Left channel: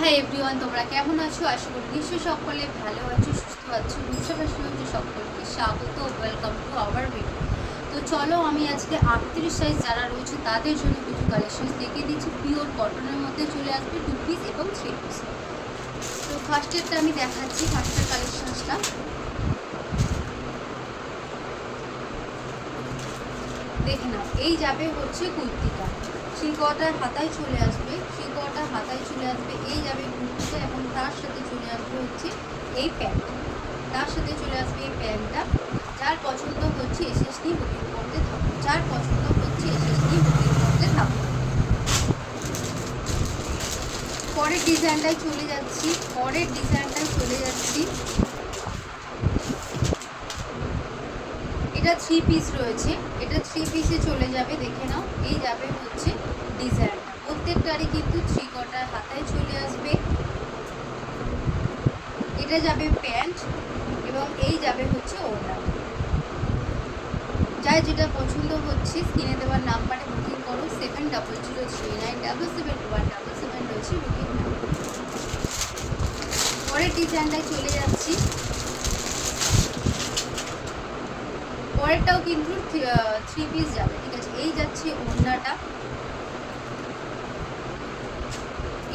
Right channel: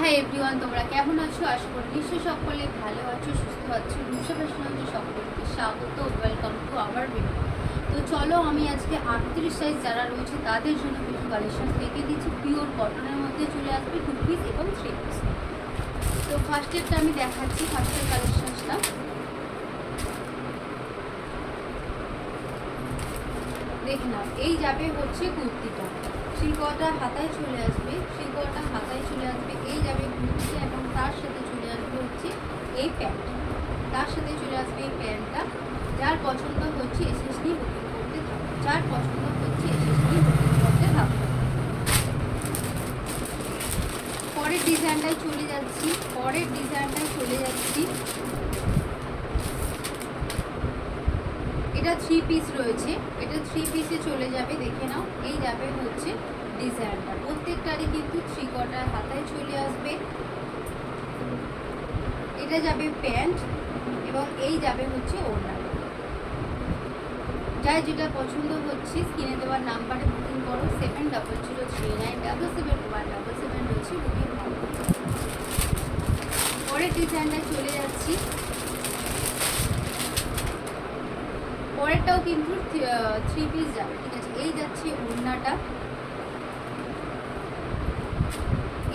Hi everyone, তোমরা কেমন আছো? আশা করি নিশ্চয়ই সকলে ভালো আছো, সুস্থ আছো। বিশ্ব ফ্যাশনে সকলকে স্বাগত, ওয়েলকাম টু আওয়ার ভিডিও। তো চলো, আমি আজকে 38 সাইজ যারা রয়েছে তাদের জন্য কিছু কালেকশন দেখিয়ে দিচ্ছি। পিওর কটনের মধ্যে চলে আসবে 2 পিস এবং 3 পিস। তো ফার্স্টেরটা আমি দেখাচ্ছি, ফার্স্টের কালেকশনটা দেখে নাও। এই যাবে হচ্ছে কুর্তিটা, শিকোয়াটা হাতায় চলে আসবে, শিকোয়াটা হাতায় চলে আসবে। এই যাবে কুর্তিটা এবং তার সাথে চলে আসবে হচ্ছে এই প্যান্ট, তার সাথে চলে আসবে এই প্যান্টটা। যার পছন্দ হচ্ছে এসএসডি বুকিং করতে থাকো, যার পছন্দ হচ্ছে এসএসডি বুকিং করতে থাকো। পরের ডিজাইনটায় চলে যাচ্ছি, পরের ডিজাইনটায় চলে যাচ্ছি। এটা 3 পিস রয়েছে, এটা 3 পিসে চলে যাবে। দেখে নাও, এই যাবে হচ্ছে ডিজাইনটা। প্রত্যেকটারই কিন্তু 3 কোয়ার্টার হাতায় চলে আসবে। এটা যাবে প্যান্ট এবং এই যাবে হচ্ছে ওড়নাটা। যাই যেটা পছন্দ হচ্ছে স্ক্রিনে দেওয়ার নাম্বারে বুকিং করো। 7003977177 রয়েছে বুকিং নাম্বার। পরের ডিজাইনটায় চলে যাচ্ছি। পরেরটাও কিন্তু 3 পিস যাবে, ঠিক আছে। এই যাচ্ছে ওড়নাটা,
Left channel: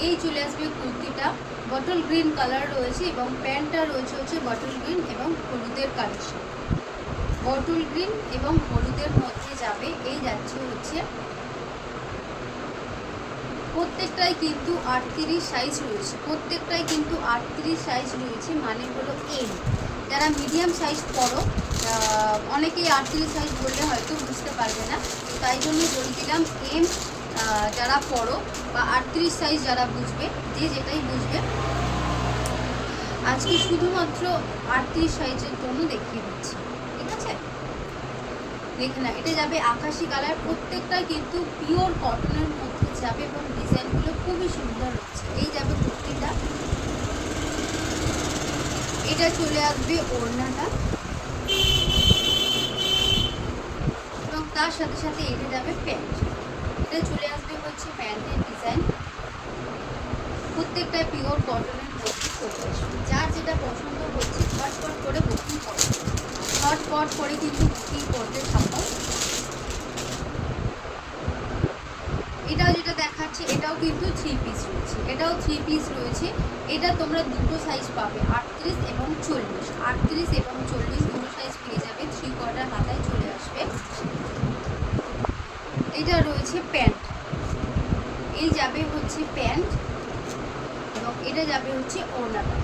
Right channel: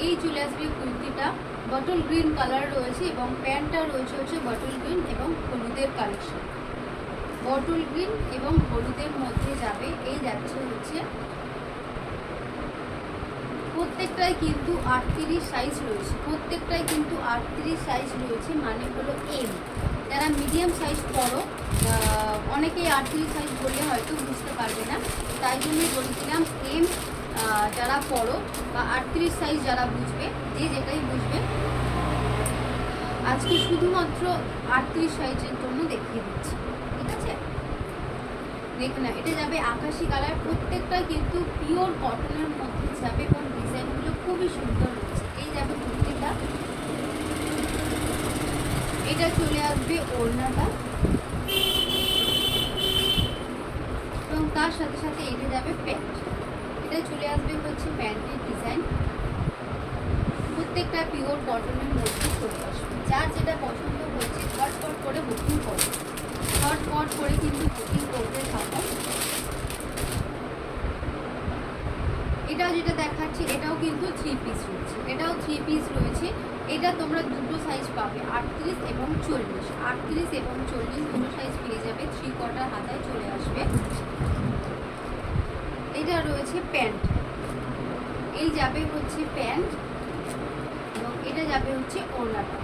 এই চলে আসবে কুর্তিটা। বটল গ্রিন কালার রয়েছে এবং প্যান্টটা রয়েছে হচ্ছে বটল গ্রিন এবং হলুদের কালেকশন। বটল গ্রিন এবং হলুদের মধ্যে যাবে। এই যাচ্ছে হচ্ছে, প্রত্যেকটাই কিন্তু 38 সাইজ রয়েছে, প্রত্যেকটাই কিন্তু 38 সাইজ রয়েছে, মানে হলো এম। যারা মিডিয়াম সাইজ পড়ো, অনেকেই 38 সাইজ বললে হয়তো বুঝতে পারবে না, তাই জন্যই বলে দিলাম এম যারা পড়ো বা 38 সাইজ যারা বুঝবে, যে যেটাই বুঝবে, আজকে শুধুমাত্র 38 সাইজের জন্য দেখিয়ে দিচ্ছি, ঠিক আছে। দেখে না, এটা যাবে আকাশি কালার। প্রত্যেকটা কিন্তু পিওর কটনের মধ্যে যাবে এবং ডিজাইনগুলো খুবই সুন্দর হচ্ছে। এই যাবে কুর্তিটা, এটা চলে আসবে ওড়নাটা এবং তার সাথে সাথে এটা যাবে প্যান্ট। এটা চলে আসবে হচ্ছে প্যান্টের ডিজাইন। প্রত্যেকটা পিওর কটনের মধ্যে চলে আসবে। যার যেটা পছন্দ হচ্ছে ঝটপট করে বুকিং করো, ঝটপট করে কিন্তু বুকিং করতে থাকো। এটাও যেটা দেখাচ্ছি, এটাও কিন্তু 3 পিস রয়েছে, এটাও 3 পিস রয়েছে। এটা তোমরা দুটো সাইজ পাবে, 38 এবং 40। 38 এবং 40 দুটো সাইজ পেয়ে যাবে। 3 কোয়ার্টার হাতায় চলে আসবে। এটা রয়েছে প্যান্ট, এই যাবে হচ্ছে প্যান্ট এবং এটা যাবে হচ্ছে ওড়নাটা।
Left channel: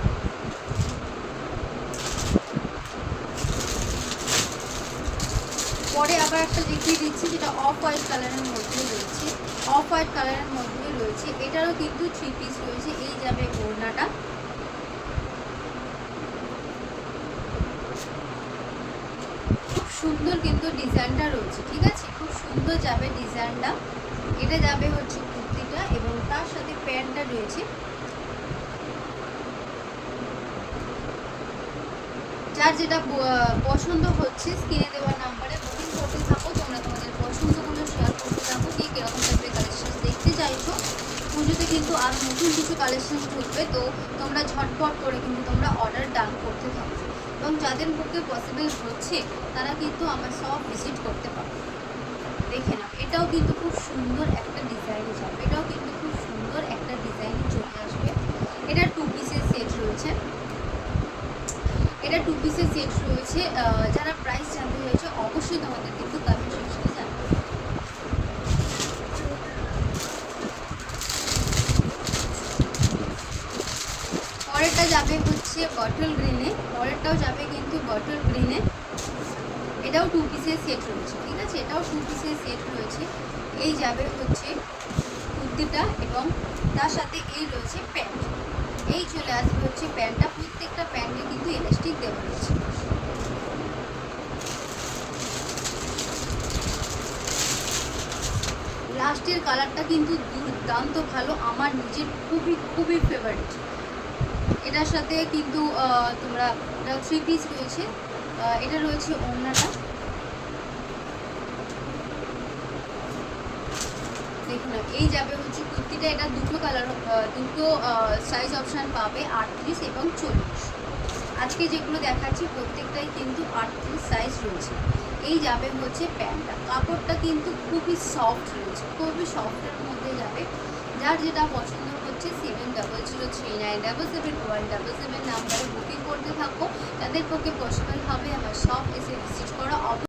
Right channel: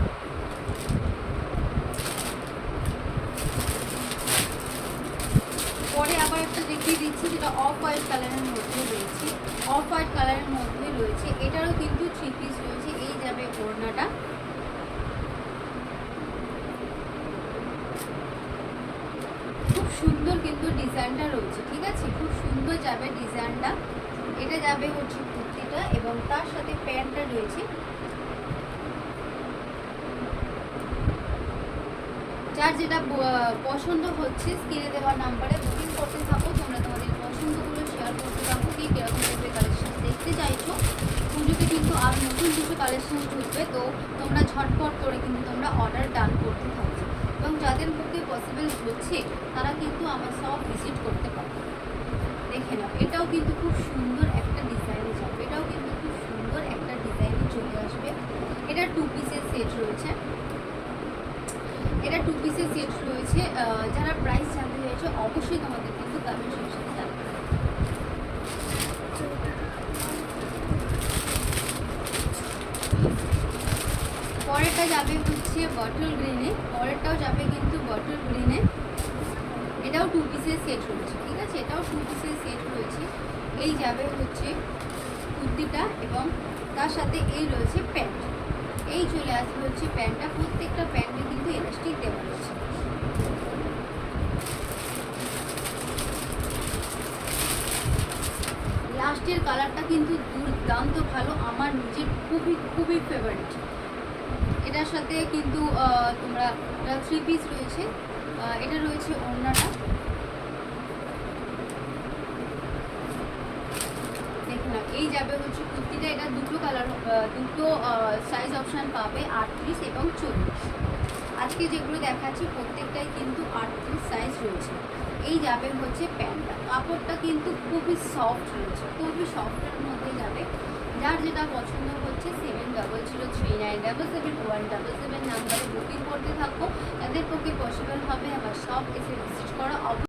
পরে আবার একটা দেখিয়ে দিচ্ছি, যেটা অফ হোয়াইট কালারের মধ্যে রয়েছে, অফ হোয়াইট কালারের মধ্যে রয়েছে। এটারও কিন্তু 3 পিস রয়েছে। এই যাবে ওড়নাটা, খুব সুন্দর কিন্তু ডিজাইনটা রয়েছে, ঠিক আছে, খুব সুন্দর যাবে ডিজাইনটা। এটা যাবে হচ্ছে কুর্তিটা এবং তার সাথে প্যান্টটা রয়েছে। যার যেটা পছন্দ হচ্ছে স্ক্রিনে দেওয়ার নাম্বারে বুকিং করতে থাকো। তোমরা তোমাদের পছন্দগুলো শেয়ার করতে থাকো, কে কীরকম টাইপের কালেকশন দেখতে চাইছো। পুজোতে কিন্তু আর নতুন কিছু কালেকশন ঢুকবে, তো তোমরা ঝটপট করে কিন্তু তোমরা অর্ডার ডান করতে থাকো এবং যাদের পক্ষে পসিবল হচ্ছে তারা কিন্তু আমার সব ভিজিট করতে পারো। দেখে নাও, এটাও কিন্তু খুব সুন্দর একটা ডিজাইনে যাবে, এটাও কিন্তু খুব সুন্দর একটা ডিজাইনে চলে আসবে। এটা 2 পিসের সেট রয়েছে, এটা 2 পিসের সেট রয়েছে। যারা প্রাইস জানতে চাইছে অবশ্যই তোমাদের কিন্তু কমেন্ট সেকশনে জানাবে। পরেরটা যাবে হচ্ছে বটল গ্রিনে, পরেরটাও যাবে কিন্তু বটল গ্রিনে। এটাও 2 পিসের সেট রয়েছে, ঠিক আছে, এটাও 2 পিসের সেট রয়েছে। এই যাবে হচ্ছে কুর্তিটা এবং তার সাথে এই রয়েছে প্যান্ট। এই চলে আসবে হচ্ছে প্যান্টটা। প্রত্যেকটা প্যান্টে কিন্তু এলাস্টিক দেওয়া রয়েছে। লাস্টের কালারটা কিন্তু দুর্দান্ত ভালো, আমার নিজের খুবই খুবই ফেভারিট। এটার সাথে কিন্তু তোমরা, এটা 3 পিস রয়েছে। এটা রয়েছে ওড়নাটা, দেখে নাও, এই যাবে হচ্ছে কুর্তিটা। এটা দুটো কালার, দুটো সাইজ অপশান পাবে, 38 এবং 40। আজকে যেগুলো দেখাচ্ছি প্রত্যেকটাই কিন্তু 38 সাইজ রয়েছে। এই যাবে হচ্ছে প্যান্টটা, কাপড়টা কিন্তু খুবই সফট রয়েছে, খুবই সফটের মধ্যে যাবে। যার যেটা পছন্দ হচ্ছে 7003977177 নাম্বারে বুকিং করতে থাকো। তাদের পক্ষে পসিবল হবে আমার শপ এসে ভিজিট করা।